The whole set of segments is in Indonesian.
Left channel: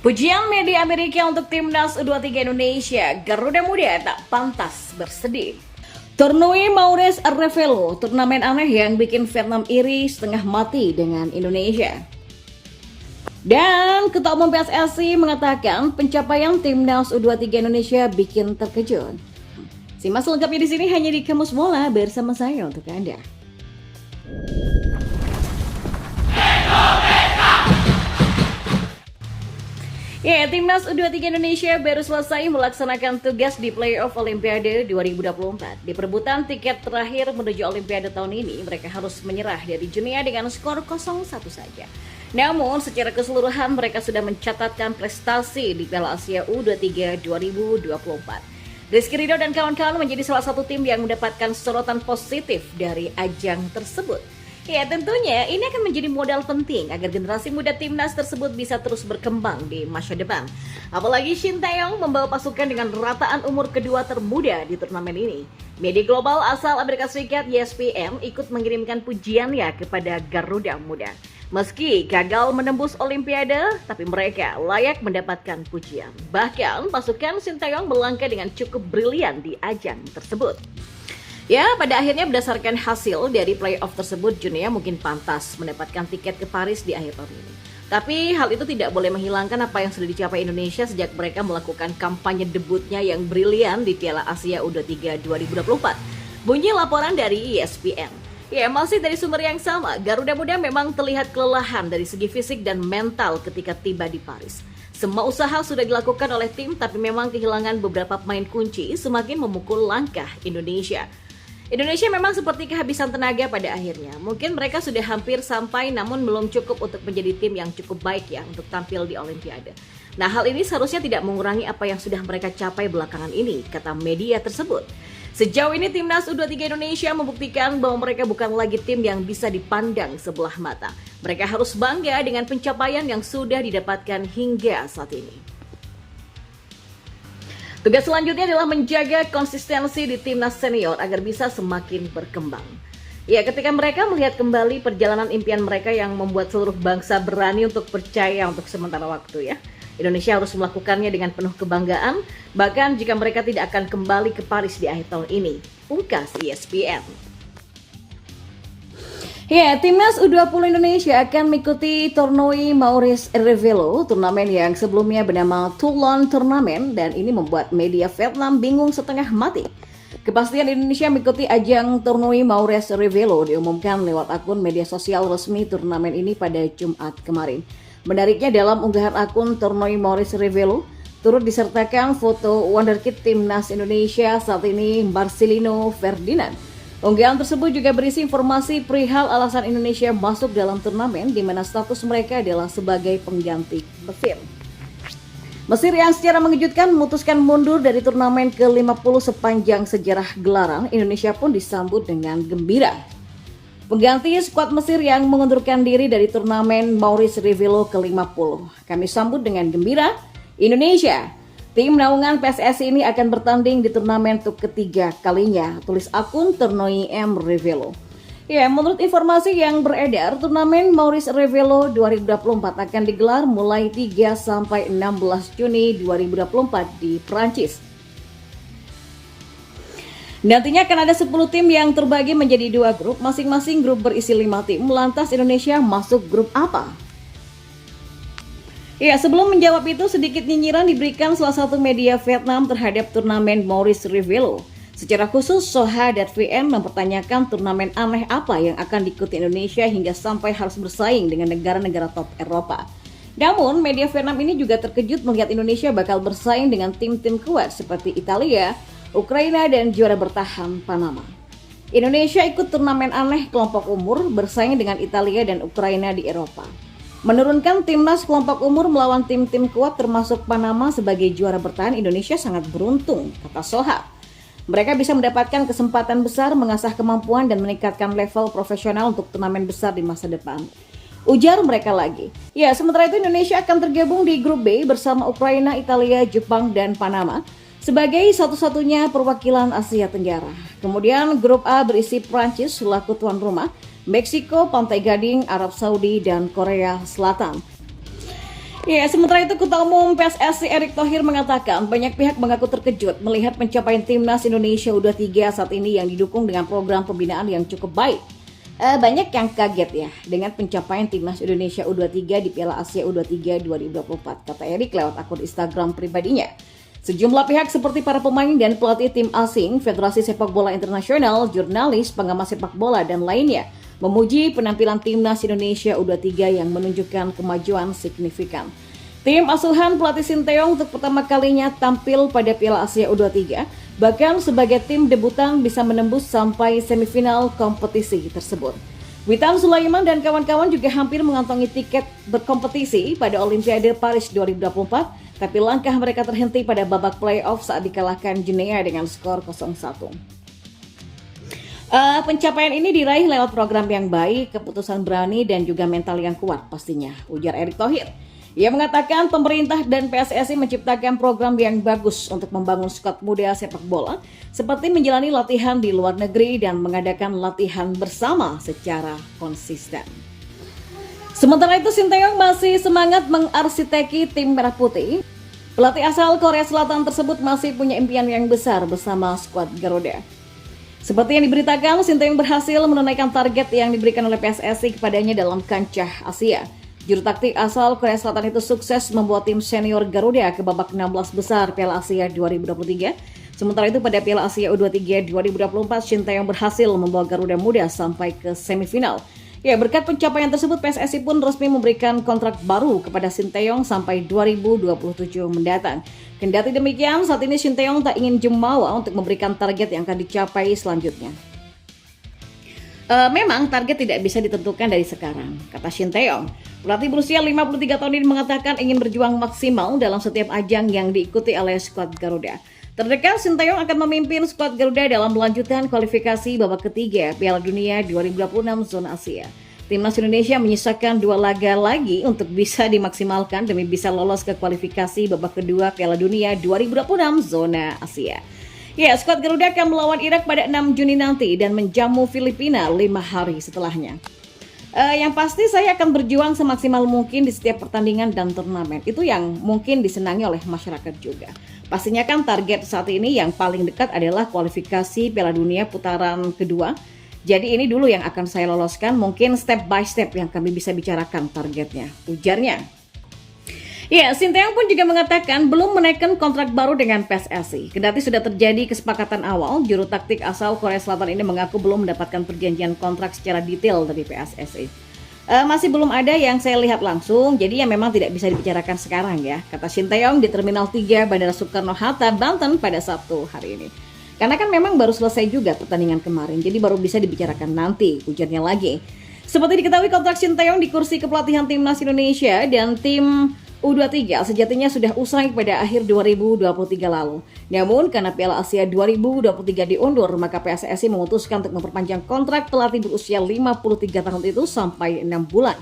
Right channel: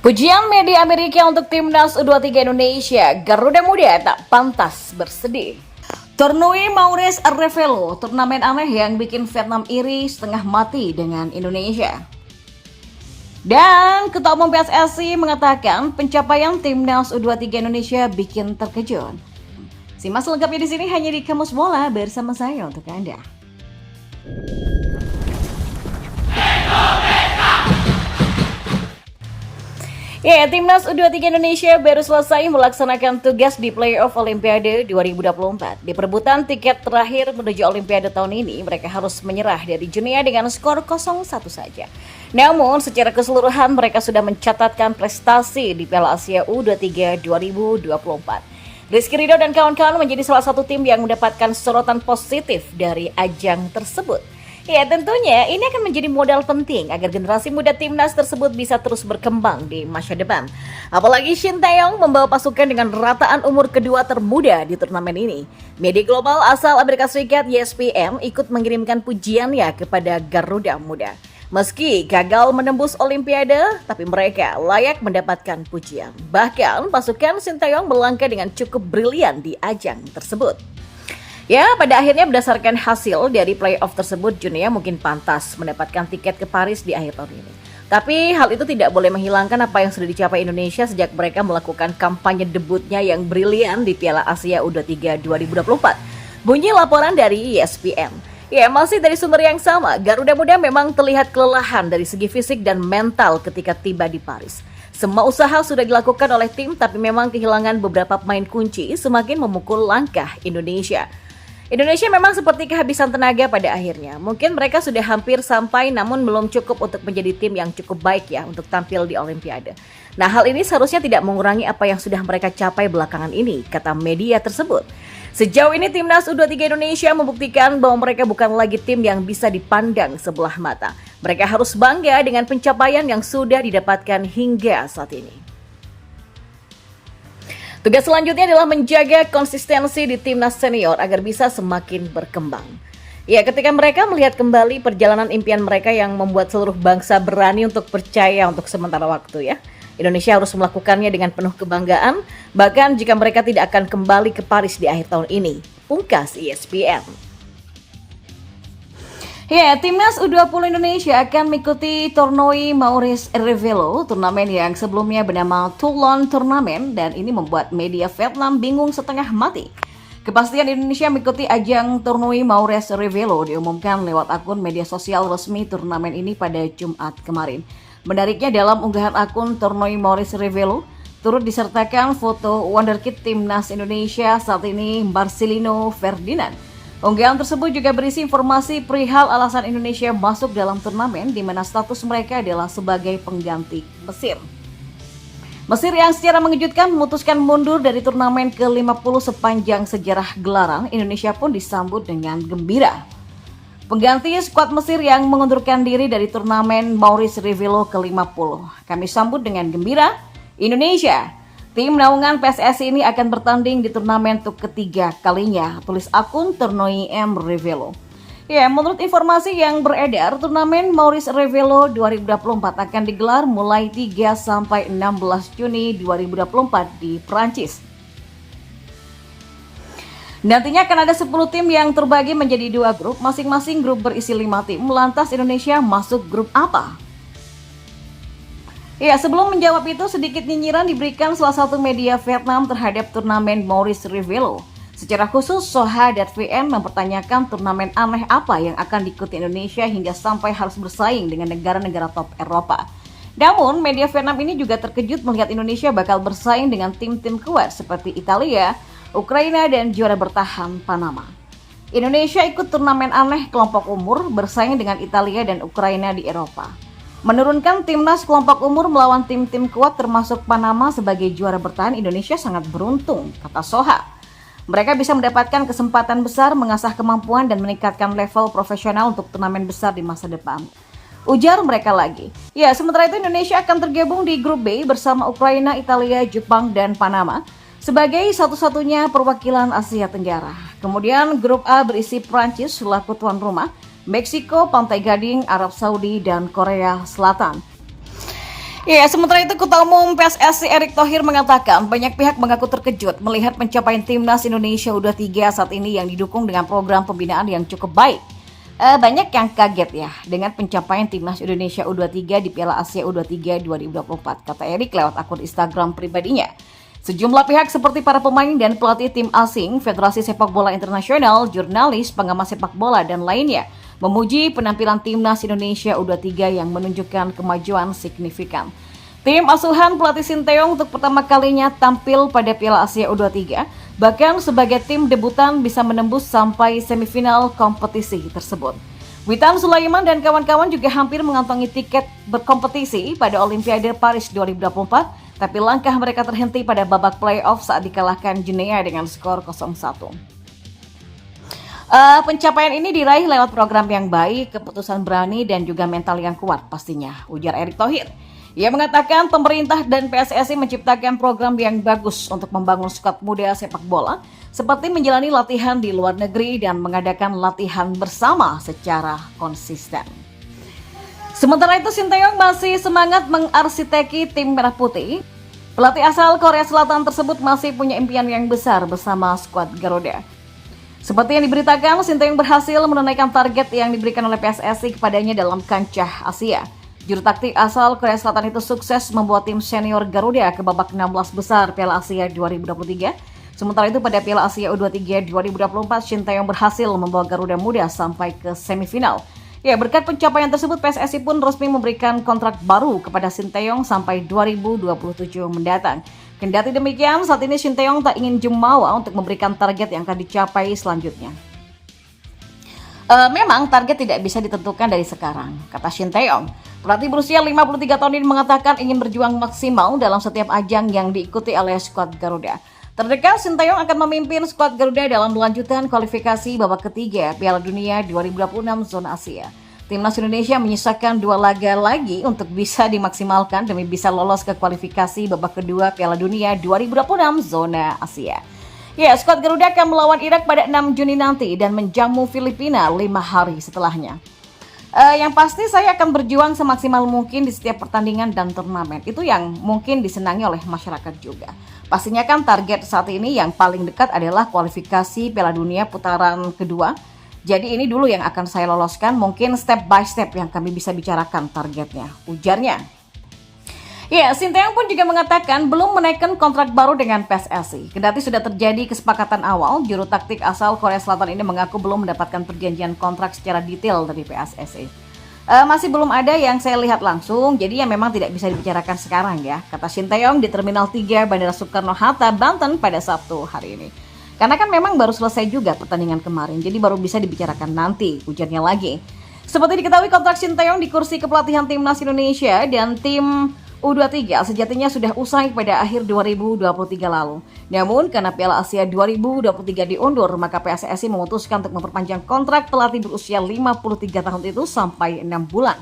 Pujian media Amerika untuk timnas U23 Indonesia, Garuda Muda tak pantas bersedih. Tournoi Maurice Revello, turnamen aneh yang bikin Vietnam iri setengah mati dengan Indonesia. Dan Ketua Umum PSSI mengatakan pencapaian timnas U23 Indonesia bikin terkejut. Simak selengkapnya di sini hanya di Kamus Bola bersama saya untuk Anda. Ya, timnas U23 Indonesia baru selesai melaksanakan tugas di playoff Olimpiade 2024. Di perebutan tiket terakhir menuju Olimpiade tahun ini, mereka harus menyerah dari Guinea dengan skor 0-1 saja. Namun, secara keseluruhan mereka sudah mencatatkan prestasi di Piala Asia U23 2024. Rizky Ridho dan kawan-kawan menjadi salah satu tim yang mendapatkan sorotan positif dari ajang tersebut. Ya, tentunya ini akan menjadi modal penting agar generasi muda timnas tersebut bisa terus berkembang di masa depan. Apalagi Shin Tae-yong membawa pasukan dengan rataan umur kedua termuda di turnamen ini. Media global asal Amerika Serikat ESPN ikut mengirimkan pujiannya kepada Garuda Muda. Meski gagal menembus Olimpiade, tapi mereka layak mendapatkan pujian. Bahkan pasukan Shin Tae-yong melangkah dengan cukup brilian di ajang tersebut. Ya, pada akhirnya berdasarkan hasil dari playoff tersebut, Guinea mungkin pantas mendapatkan tiket ke Paris di akhir tahun ini. Tapi hal itu tidak boleh menghilangkan apa yang sudah dicapai Indonesia sejak mereka melakukan kampanye debutnya yang brilian di Piala Asia U23 2024. Bunyi laporan dari ESPN. Ya, masih dari sumber yang sama, Garuda Muda memang terlihat kelelahan dari segi fisik dan mental ketika tiba di Paris. Semua usaha sudah dilakukan oleh tim, tapi memang kehilangan beberapa pemain kunci semakin memukul langkah Indonesia. Indonesia memang seperti kehabisan tenaga pada akhirnya. Mungkin mereka sudah hampir sampai namun belum cukup untuk menjadi tim yang cukup baik ya untuk tampil di Olimpiade. Nah, hal ini seharusnya tidak mengurangi apa yang sudah mereka capai belakangan ini, kata media tersebut. Sejauh ini timnas U23 Indonesia membuktikan bahwa mereka bukan lagi tim yang bisa dipandang sebelah mata. Mereka harus bangga dengan pencapaian yang sudah didapatkan hingga saat ini. Tugas selanjutnya adalah menjaga konsistensi di timnas senior agar bisa semakin berkembang. Ya, ketika mereka melihat kembali perjalanan impian mereka yang membuat seluruh bangsa berani untuk percaya untuk sementara waktu ya. Indonesia harus melakukannya dengan penuh kebanggaan, bahkan jika mereka tidak akan kembali ke Paris di akhir tahun ini, ungkas ESPN. Ya, timnas U20 Indonesia akan mengikuti Tournoi Maurice Revello, turnamen yang sebelumnya bernama Toulon Tournament, dan ini membuat media Vietnam bingung setengah mati. Kepastian Indonesia mengikuti ajang Tournoi Maurice Revello diumumkan lewat akun media sosial resmi turnamen ini pada Jumat kemarin. Menariknya dalam unggahan akun Tournoi Maurice Revello, turut disertakan foto wonderkid timnas Indonesia saat ini Marcelino Ferdinand. Unggahan tersebut juga berisi informasi perihal alasan Indonesia masuk dalam turnamen di mana status mereka adalah sebagai pengganti Mesir. Mesir yang secara mengejutkan memutuskan mundur dari turnamen ke-50 sepanjang sejarah gelaran, Indonesia pun disambut dengan gembira. Pengganti skuad Mesir yang mengundurkan diri dari turnamen Maurice Revello ke-50. Kami sambut dengan gembira, Indonesia. Tim naungan PSSI ini akan bertanding di turnamen untuk ketiga kalinya, tulis akun Tournoi M Revello. Ya, menurut informasi yang beredar, turnamen Maurice Revello 2024 akan digelar mulai 3 sampai 16 Juni 2024 di Prancis. Nantinya akan ada 10 tim yang terbagi menjadi 2 grup, masing-masing grup berisi 5 tim. Lantas Indonesia masuk grup apa? Ya, sebelum menjawab itu, sedikit nyinyiran diberikan salah satu media Vietnam terhadap turnamen Maurice Revello. Secara khusus, Soha.vn mempertanyakan turnamen aneh apa yang akan diikuti Indonesia hingga sampai harus bersaing dengan negara-negara top Eropa. Namun, media Vietnam ini juga terkejut melihat Indonesia bakal bersaing dengan tim-tim kuat seperti Italia, Ukraina, dan juara bertahan Panama. Indonesia ikut turnamen aneh kelompok umur bersaing dengan Italia dan Ukraina di Eropa. Menurunkan timnas kelompok umur melawan tim-tim kuat termasuk Panama sebagai juara bertahan, Indonesia sangat beruntung, kata Soha. Mereka bisa mendapatkan kesempatan besar mengasah kemampuan dan meningkatkan level profesional untuk turnamen besar di masa depan. Ujar mereka lagi. Ya, sementara itu Indonesia akan tergabung di grup B bersama Ukraina, Italia, Jepang, dan Panama sebagai satu-satunya perwakilan Asia Tenggara. Kemudian grup A berisi Prancis selaku tuan rumah, Meksiko, Pantai Gading, Arab Saudi, dan Korea Selatan. Ya, sementara itu Ketua Umum PSSI Erick Thohir mengatakan banyak pihak mengaku terkejut melihat pencapaian Timnas Indonesia U23 saat ini yang didukung dengan program pembinaan yang cukup baik. Banyak yang kaget ya dengan pencapaian Timnas Indonesia U23 di Piala Asia U23 2024, kata Erick lewat akun Instagram pribadinya. Sejumlah pihak seperti para pemain dan pelatih tim asing, Federasi Sepak Bola Internasional, jurnalis, pengamat sepak bola, dan lainnya memuji penampilan Timnas Indonesia U23 yang menunjukkan kemajuan signifikan. Tim asuhan pelatih Sinteyong untuk pertama kalinya tampil pada Piala Asia U23, bahkan sebagai tim debutan bisa menembus sampai semifinal kompetisi tersebut. Witan Sulaiman dan kawan-kawan juga hampir mengantongi tiket berkompetisi pada Olimpiade Paris 2024, tapi langkah mereka terhenti pada babak playoff saat dikalahkan Guinea dengan skor 0-1. Pencapaian ini diraih lewat program yang baik, keputusan berani, dan juga mental yang kuat pastinya, ujar Erick Thohir. Ia mengatakan pemerintah dan PSSI menciptakan program yang bagus untuk membangun skuad muda sepak bola, seperti menjalani latihan di luar negeri dan mengadakan latihan bersama secara konsisten. Sementara itu Sinteyong masih semangat mengarsiteki tim Merah Putih. Pelatih asal Korea Selatan tersebut masih punya impian yang besar bersama skuad Garuda. Seperti yang diberitakan, Sinteyong berhasil menunaikan target yang diberikan oleh PSSI kepadanya dalam kancah Asia. Juru taktik asal Korea Selatan itu sukses membawa tim senior Garuda ke babak 16 besar Piala Asia 2023. Sementara itu pada Piala Asia U23 2024, Sinteyong berhasil membawa Garuda Muda sampai ke semifinal. Ya, berkat pencapaian tersebut, PSSI pun resmi memberikan kontrak baru kepada Sinteyong sampai 2027 mendatang. Kendati demikian, saat ini Sinteyong tak ingin jumawa untuk memberikan target yang akan dicapai selanjutnya. Memang target tidak bisa ditentukan dari sekarang, kata Sinteyong. Pelatih berusia 53 tahun ini mengatakan ingin berjuang maksimal dalam setiap ajang yang diikuti oleh skuad Garuda. Terdekat, Sinteyong akan memimpin skuad Garuda dalam lanjutan kualifikasi babak ketiga Piala Dunia 2026 zona Asia. Timnas Indonesia menyisakan 2 laga lagi untuk bisa dimaksimalkan demi bisa lolos ke kualifikasi babak kedua Piala Dunia 2026 zona Asia. Ya, skuad Garuda akan melawan Irak pada 6 Juni nanti dan menjamu Filipina 5 hari setelahnya. Yang pasti saya akan berjuang semaksimal mungkin di setiap pertandingan dan turnamen. Itu yang mungkin disenangi oleh masyarakat juga. Pastinya kan target saat ini yang paling dekat adalah kualifikasi Piala Dunia putaran kedua. Jadi ini dulu yang akan saya loloskan, mungkin step by step yang kami bisa bicarakan targetnya, ujarnya. Ya, Sinteyong pun juga mengatakan belum menaikkan kontrak baru dengan PSSI. Kendati sudah terjadi kesepakatan awal, juru taktik asal Korea Selatan ini mengaku belum mendapatkan perjanjian kontrak secara detail dari PSSI. Masih belum ada yang saya lihat langsung, jadi ya memang tidak bisa dibicarakan sekarang ya, kata Sinteyong di Terminal 3 Bandara Soekarno-Hatta, Banten pada Sabtu hari ini. Karena kan memang baru selesai juga pertandingan kemarin, jadi baru bisa dibicarakan nanti, ujarnya lagi. Seperti diketahui, kontrak Sinteyong di kursi kepelatihan Timnas Indonesia dan tim U23 sejatinya sudah usai pada akhir 2023 lalu. Namun karena Piala Asia 2023 diundur, maka PSSI memutuskan untuk memperpanjang kontrak pelatih berusia 53 tahun itu sampai 6 bulan.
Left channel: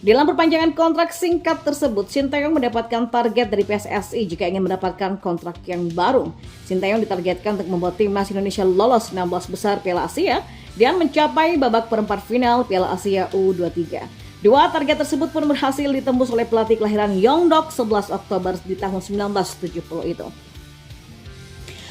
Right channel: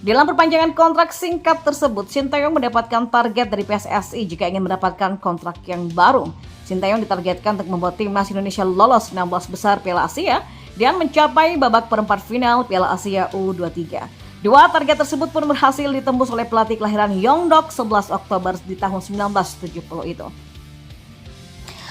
Dalam perpanjangan kontrak singkat tersebut, Sinteyong mendapatkan target dari PSSI jika ingin mendapatkan kontrak yang baru. Sinteyong ditargetkan untuk membuat Timnas Indonesia lolos 16 besar Piala Asia dan mencapai babak perempat final Piala Asia U23. 2 target tersebut pun berhasil ditembus oleh pelatih kelahiran Yeongdeok 11 Oktober di tahun 1970 itu.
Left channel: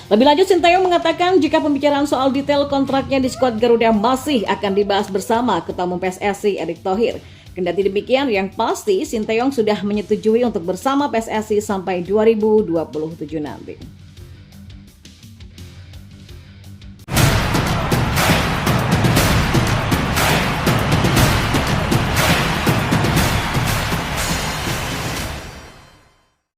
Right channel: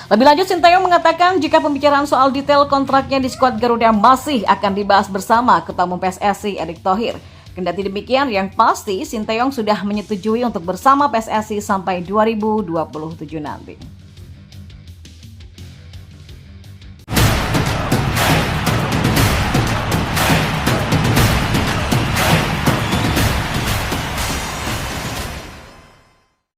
Lebih lanjut, Sinteyong mengatakan jika pembicaraan soal detail kontraknya di skuad Garuda masih akan dibahas bersama Ketua Umum PSSI Erick Thohir. Kendati demikian, yang pasti Sinteyong sudah menyetujui untuk bersama PSSI sampai 2027 nanti.